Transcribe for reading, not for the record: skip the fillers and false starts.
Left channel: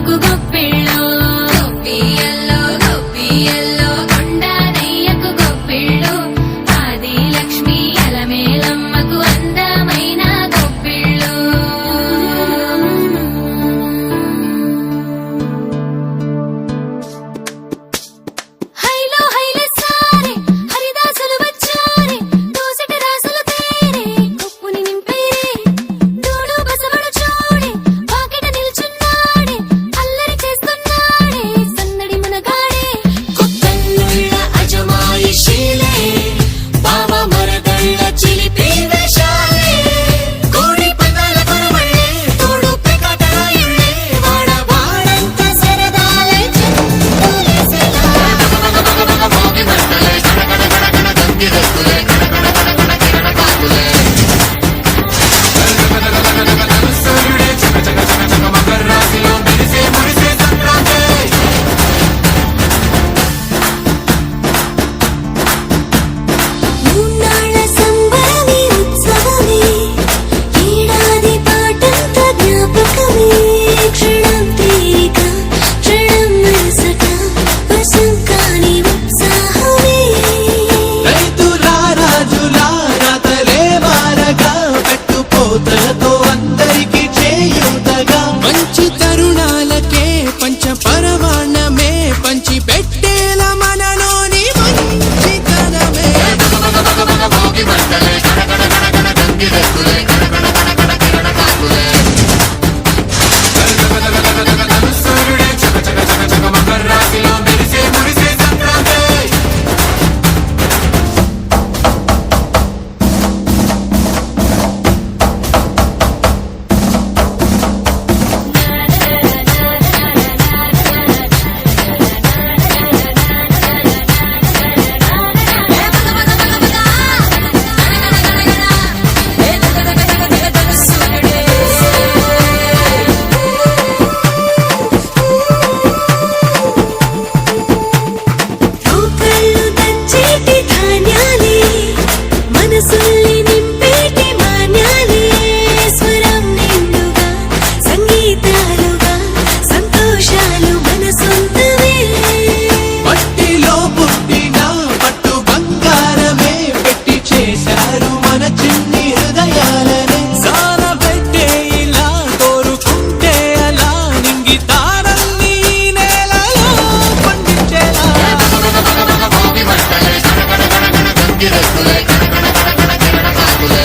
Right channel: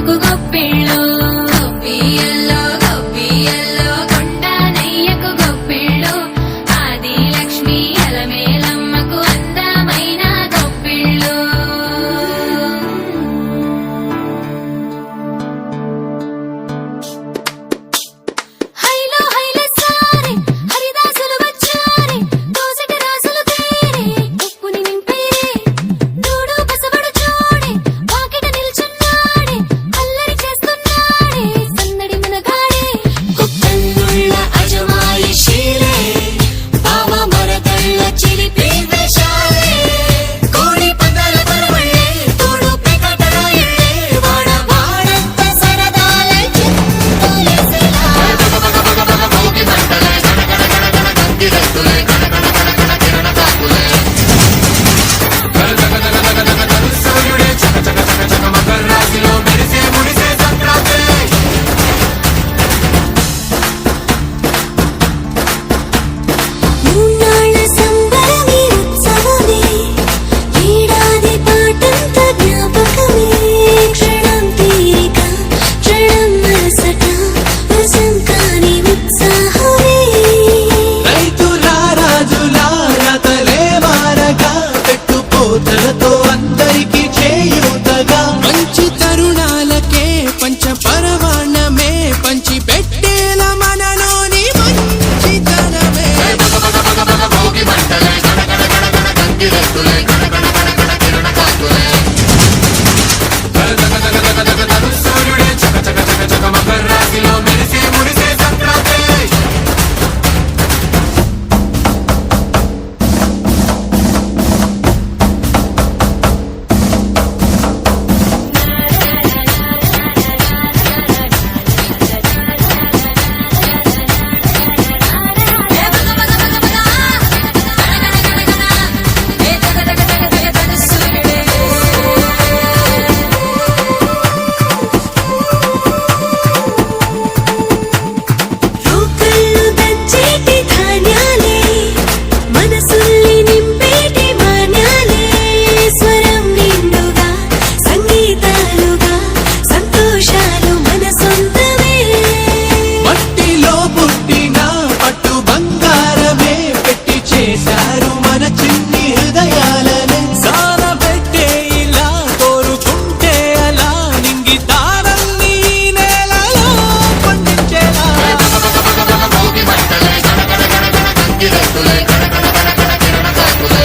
మాకు గొప్పిళ్ళు గొప్పియల్లో గొప్పియల్లో కొండానయ్యకు గొప్పిళ్ళు ఆది లక్ష్మి అలమేలమ్మకు అందమైన గొప్పిళ్ళు హైలో హైల సారే హరిదాసులు వచ్చారే దోసటి రాసులు తేరే ఉప్పుని నింపేరే దూడు బసవడు చూడే వాకిట నిల్చున్నాడే అల్లరి చేస్తున్నాడే సందడి మనగాడే కొత్తన్నుళ్ళ అజమాయిషీలే బావ మరదళ్ళ చిలిపి వేషాలే కోడి పందాల పరమళ్ళే తోడు పెకటరాయళ్ళే వాడ వాడంత సరదాలై చెందులేసేలా మోగి మంటలే కడకడ కడకడ గంగిరెద్దులే కడకడ కడకడ కిరణ కాకులే సూర్యుడే చక చక చక చక మకర రాశిలో మెరిసే మురిసే సంక్రాంతి మూన్నాళ్ళ సంబరమే ఉత్సవమే ఏడాది పాటంత జ్ఞాపకమే క్షణం తీరిక క్షణం మరుసట వశం కాని ఉత్సాహమే రైతుల రాజుల రాతలే మారగా పెట్టుపోతలతో అందరికి చేయూతగా మంచి తరుణాలకే పంచ పరవాణమే పంచి పెట్టేల మనలోని మంచితనమే మోగి మంటలే కడకడ కడకడ గంగిరెద్దులే కడకడ కడకడ కిరణ కాకులే సూర్యుడే చక చక చక చక మకర రాశిలో మెరిసే మురిసే సంక్రాంతి రోకళ్ళు దంచేటి ధాన్యాలే మనసుల్ని నింపేటి మాన్యాలే స్వరం నిండుగా సంగీతాలుగా సంతోషాలు మన సొంతమే మట్టిలో పుట్టిన పట్టు బంగారమే పెట్టి చేశారు మన చిన్ని హృదయాలనే సాన పెట్టే ఇలా కోరుకుంటే అలా నింగి తారల్ని నేలలో పండించేలా మోగి మంటలే కడకడ కడకడ గంగిరెద్దులే కడకడ కడకడ కిరణ కాకులే